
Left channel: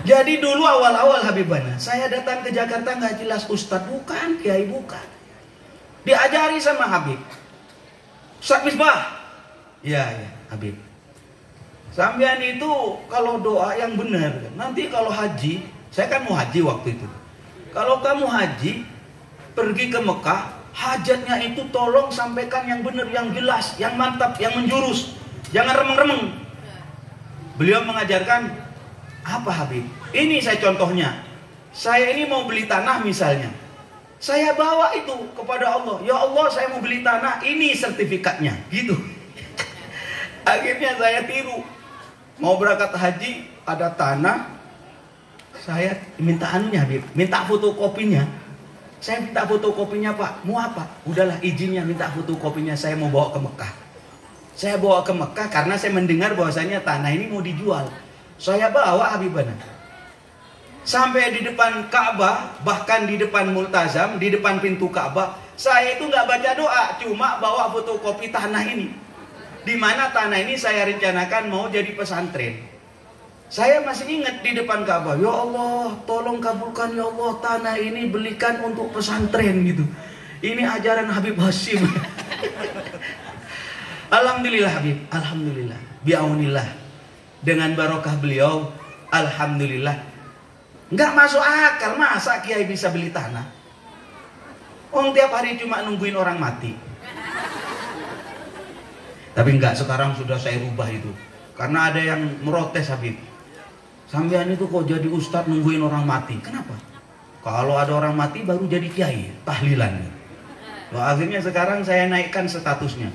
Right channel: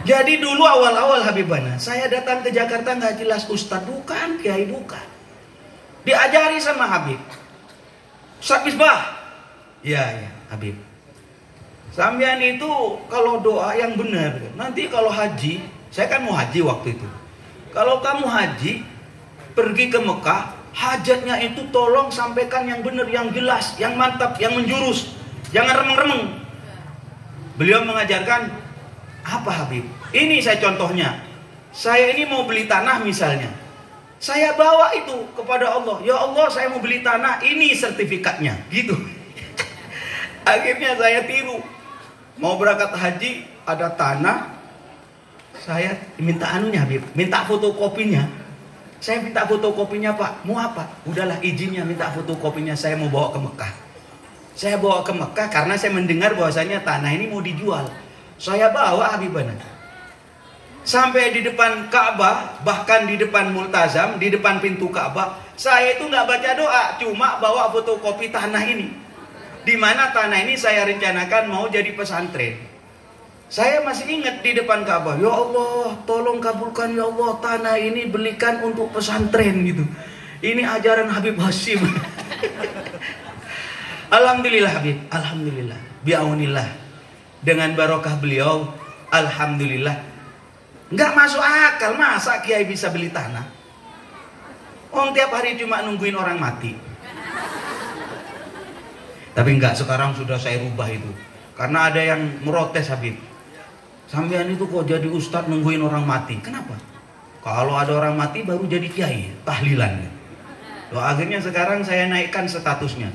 Jadi dulu awal-awal Habibana, saya datang ke Jakarta nggak jelas ustadz bukan, kiai bukan. Diajari sama Habib. Ustadz Misbah. Ya Habib. Sampean itu kalau doa yang benar, nanti kalau haji, saya kan mau haji waktu itu. Kalau kamu haji, pergi ke Mekah, hajatnya itu tolong sampaikan yang benar, yang jelas, yang mantap, yang menjurus. Jangan remeng-remeng. Beliau mengajarkan, apa Habib? Ini saya contohnya. Saya ini mau beli tanah misalnya. Saya bawa itu kepada Allah. Ya Allah, saya mau beli tanah, ini sertifikatnya. Gitu. Akhirnya saya tiru. Mau berangkat haji, ada tanah. Saya minta anunya Habib, minta fotokopinya. Saya minta fotokopinya Pak. Mau apa? Udahlah izinnya, minta fotokopinya. Saya mau bawa ke Mekah. Saya bawa ke Mekah karena saya mendengar bahwasanya tanah ini mau dijual. Saya bawa Habibana. Sampai di depan Ka'bah, bahkan di depan Multazam, di depan pintu Ka'bah, saya itu nggak baca doa, cuma bawa fotokopi tanah ini. Di mana tanah ini saya rencanakan mau jadi pesantren. Saya masih ingat di depan Ka'bah, ya Allah, tolong kabulkan ya Allah, tanah ini belikan untuk pesantren gitu. Ini ajaran Habib Hashim. Alhamdulillah Habib, alhamdulillah, biaunillah. Dengan barokah beliau, alhamdulillah. Nggak masuk akal, masa kiai bisa beli tanah? Tiap hari cuma nungguin orang mati. Tapi enggak, sekarang sudah saya rubah itu. Karena ada yang merotes Habib. Sampean itu kok jadi ustadz nungguin orang mati? Kenapa? Kalau ada orang mati baru jadi kiai, tahlilannya. Akhirnya sekarang saya naikkan statusnya.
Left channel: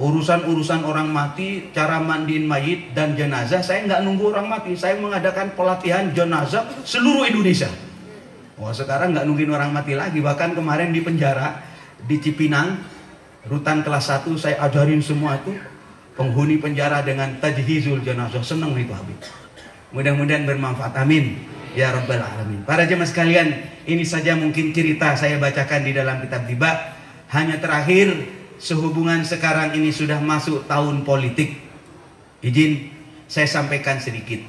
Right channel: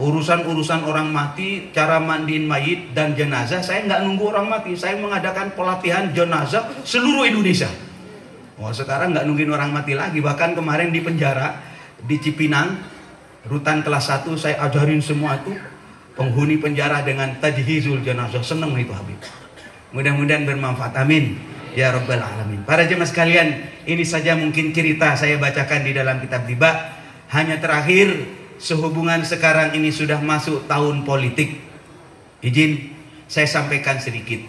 Urusan-urusan orang mati, cara mandiin mayit dan jenazah, saya nggak nunggu orang mati. Saya mengadakan pelatihan jenazah seluruh Indonesia. Sekarang nggak nungguin orang mati lagi. Bahkan kemarin di penjara, di Cipinang, rutan kelas 1, saya ajarin semua itu. Penghuni penjara dengan tajhizul jenazah. Senang itu Habib. Mudah-mudahan bermanfaat. Amin. Ya Rabbal Alamin. Para jemaah sekalian, ini saja mungkin cerita saya bacakan di dalam kitab Diba. Hanya terakhir, sehubungan sekarang ini sudah masuk tahun politik. Izin saya sampaikan sedikit.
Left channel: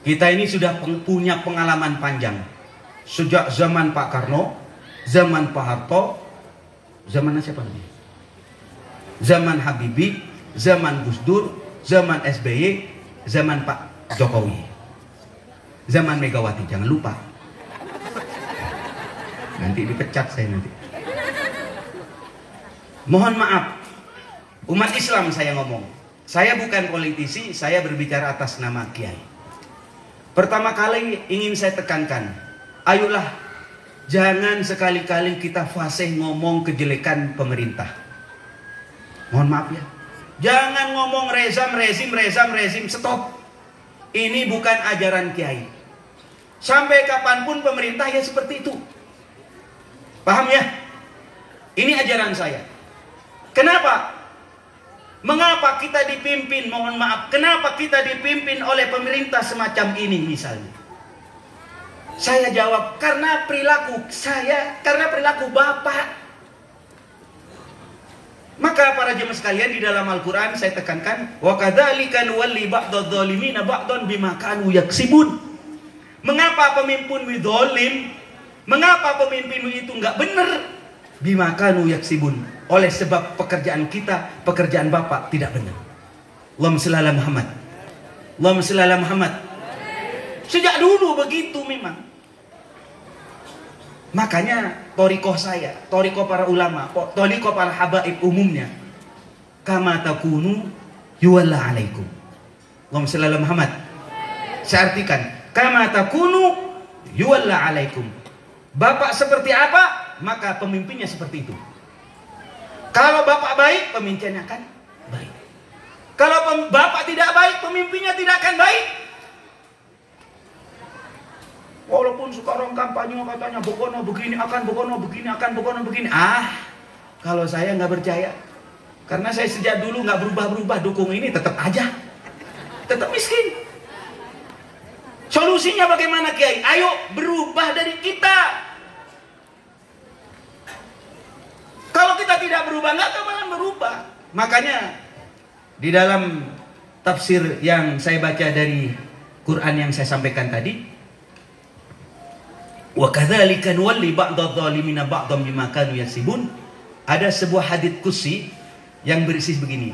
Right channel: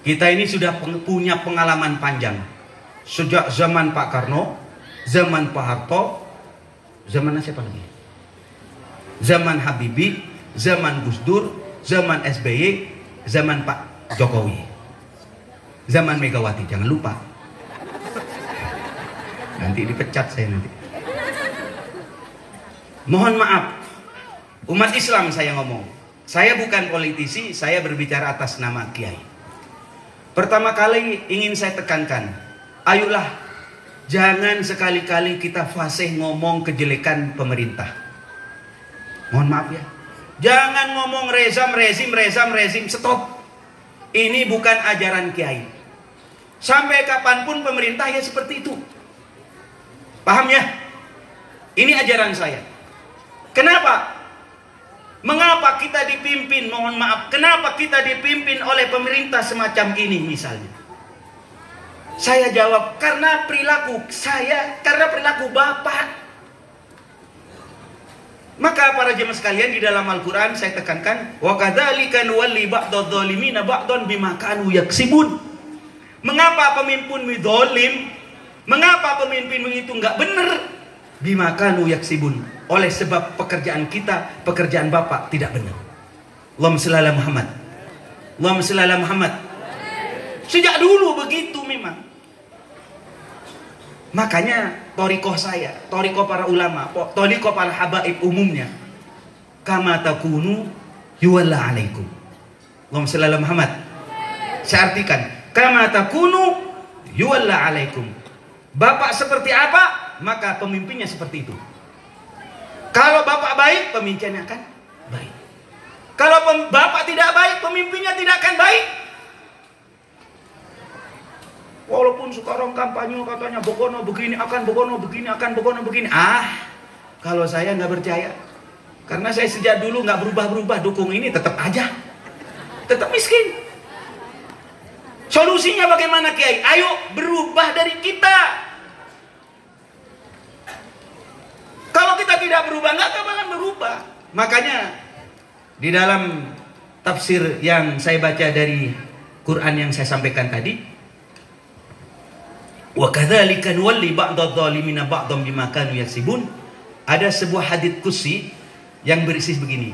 Kita ini sudah punya pengalaman panjang. Sejak zaman Pak Karno, zaman Pak Harto, zaman siapa lagi? Zaman Habibie, zaman Gus Dur, zaman SBY, zaman Pak Jokowi, zaman Megawati, jangan lupa. Nanti dipecat saya nanti. Mohon maaf, umat Islam saya ngomong. Saya bukan politisi, saya berbicara atas nama Kiai. Pertama kali ingin saya tekankan, ayolah jangan sekali-kali kita fasih ngomong kejelekan pemerintah. Mohon maaf ya. Jangan ngomong rezim, stop. Ini bukan ajaran Kiai. Sampai kapanpun pemerintah ya seperti itu. Paham ya? Ini ajaran saya. Kenapa? Mengapa kita dipimpin, mohon maaf, kenapa kita dipimpin oleh pemerintah semacam ini misalnya? Saya jawab, karena perilaku saya, karena perilaku Bapak. Maka para jemaah sekalian, di dalam Al-Quran saya tekankan, wa kadzalika nuwalli ba'dadh dhalimina ba'dhan bima kanu yaksibun. Mengapa pemimpinmu zalim? Mengapa pemimpinmu itu enggak benar? Bima kanu yaksibun. Oleh sebab pekerjaan kita, pekerjaan Bapak tidak benar. Allahumma shalli ala Muhammad. Allahumma shalli ala Muhammad. Sejak dulu begitu memang. Makanya torikoh saya, torikoh para ulama, torikoh para habaib umumnya, kama takunu yuwalla alaikum. Allahumma shalli ala Muhammad. Saya artikan, kama takunu yuwalla alaikum. Bapak seperti apa, maka pemimpinnya seperti itu. Kalau Bapak baik, pemimpinnya akan baik. Kalau Bapak tidak baik, pemimpinnya tidak akan baik. Walaupun sekarang kampanye katanya Bogono begini, akan Bogono begini, akan Bogono begini. Kalau saya nggak percaya. Karena saya sejak dulu nggak berubah-berubah dukung ini, tetap aja. Tetap miskin. Solusinya bagaimana Kiai? Ayo berubah dari kita. Kalau kita tidak berubah, nggak akan berubah. Makanya di dalam tafsir yang saya baca dari Quran yang saya sampaikan tadi, wa kadzalika nuwalli ba'dadh dhalimina ba'dhan bima kanu yaksibun, ada sebuah hadits qudsi yang berisi begini.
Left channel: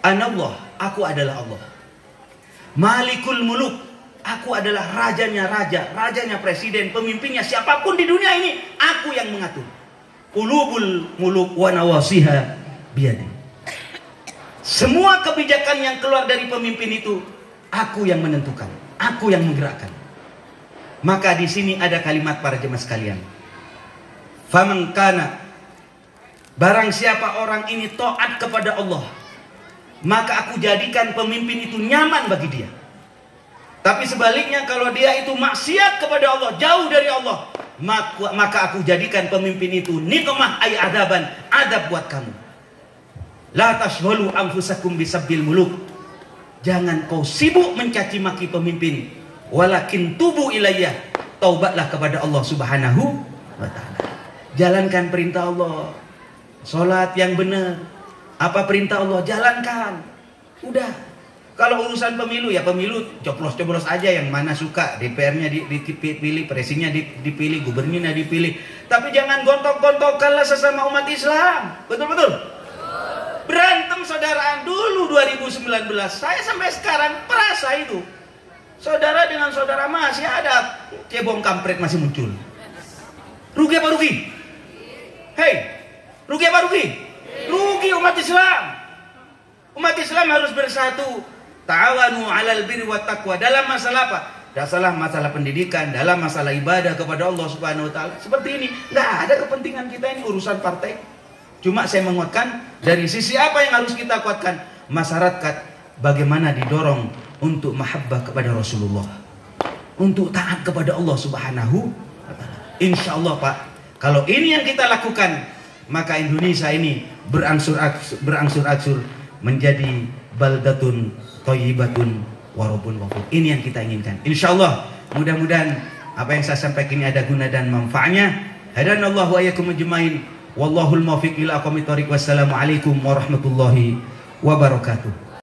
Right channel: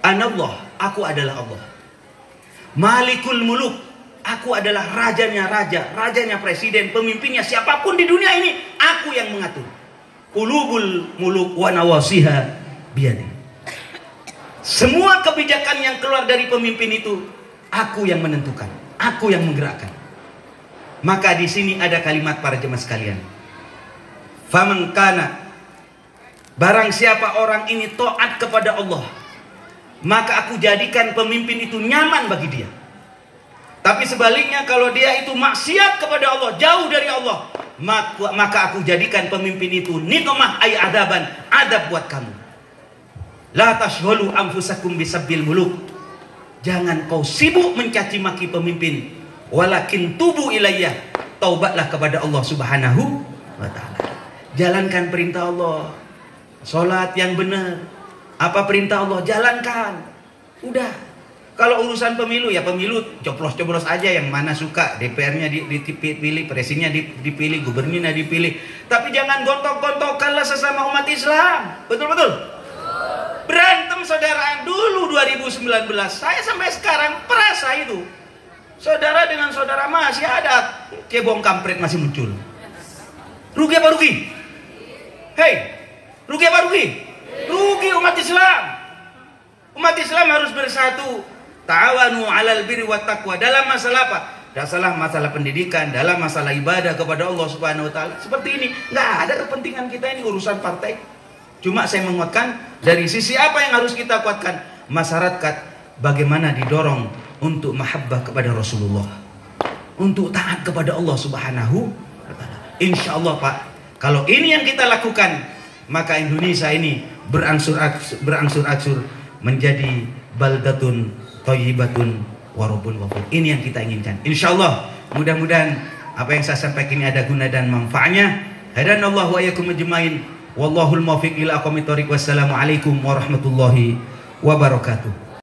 Anallah, aku adalah Allah. Malikul muluk, aku adalah rajanya raja, rajanya presiden, pemimpinnya siapapun di dunia ini, aku yang mengatur. Qulubul muluk wa nawasiha biyadi. Semua kebijakan yang keluar dari pemimpin itu aku yang menentukan, aku yang menggerakkan. Maka di sini ada kalimat para jemaah sekalian. Faman kana, barang siapa orang ini taat kepada Allah, maka aku jadikan pemimpin itu nyaman bagi dia. Tapi sebaliknya kalau dia itu maksiat kepada Allah, jauh dari Allah, maka aku jadikan pemimpin itu nikmah ay adaban, adab buat kamu. La tashghulu anfusakum bisabbil muluk. Jangan kau sibuk mencaci maki pemimpin. Walakin tubu ilayya, taubatlah kepada Allah Subhanahu wa taala. Jalankan perintah Allah. Salat yang benar. Apa perintah Allah? Jalankan. Udah. Kalau urusan pemilu ya pemilu coblos-coblos aja, yang mana suka, DPR-nya dipilih, presidennya dipilih, gubernurnya dipilih. Tapi jangan gontok-gontokanlah sesama umat Islam. Betul-betul. Berantem saudaraan dulu 2019. Saya sampai sekarang perasa itu. Saudara dengan saudara masih ada cebong kampret masih muncul. Rugi apa rugi? Hei, rugi apa rugi? Rugi umat Islam. Umat Islam harus bersatu. Ta'awanu 'alal birri wat taqwa. Dalam masalah apa? Dalam masalah pendidikan, dalam masalah ibadah kepada Allah Subhanahu wa taala. Seperti ini, enggak ada kepentingan kita ini urusan partai. Cuma saya menguatkan dari sisi apa yang harus kita kuatkan? Masyarakat bagaimana didorong untuk mahabbah kepada Rasulullah, untuk taat kepada Allah Subhanahu wa taala. Insyaallah Pak, kalau ini yang kita lakukan, maka Indonesia ini berangsur-angsur menjadi baldatun thayyibatun wa rabbul ghafur. Ini yang kita inginkan. Insyaallah, mudah-mudahan apa yang saya sampaikan ini ada guna dan manfaatnya. Hadanallahu wa iyyakum ajmain. Wallahul muwaffiq ila aqwamit thoriq. Wassalamualaikum warahmatullahi wabarakatuh.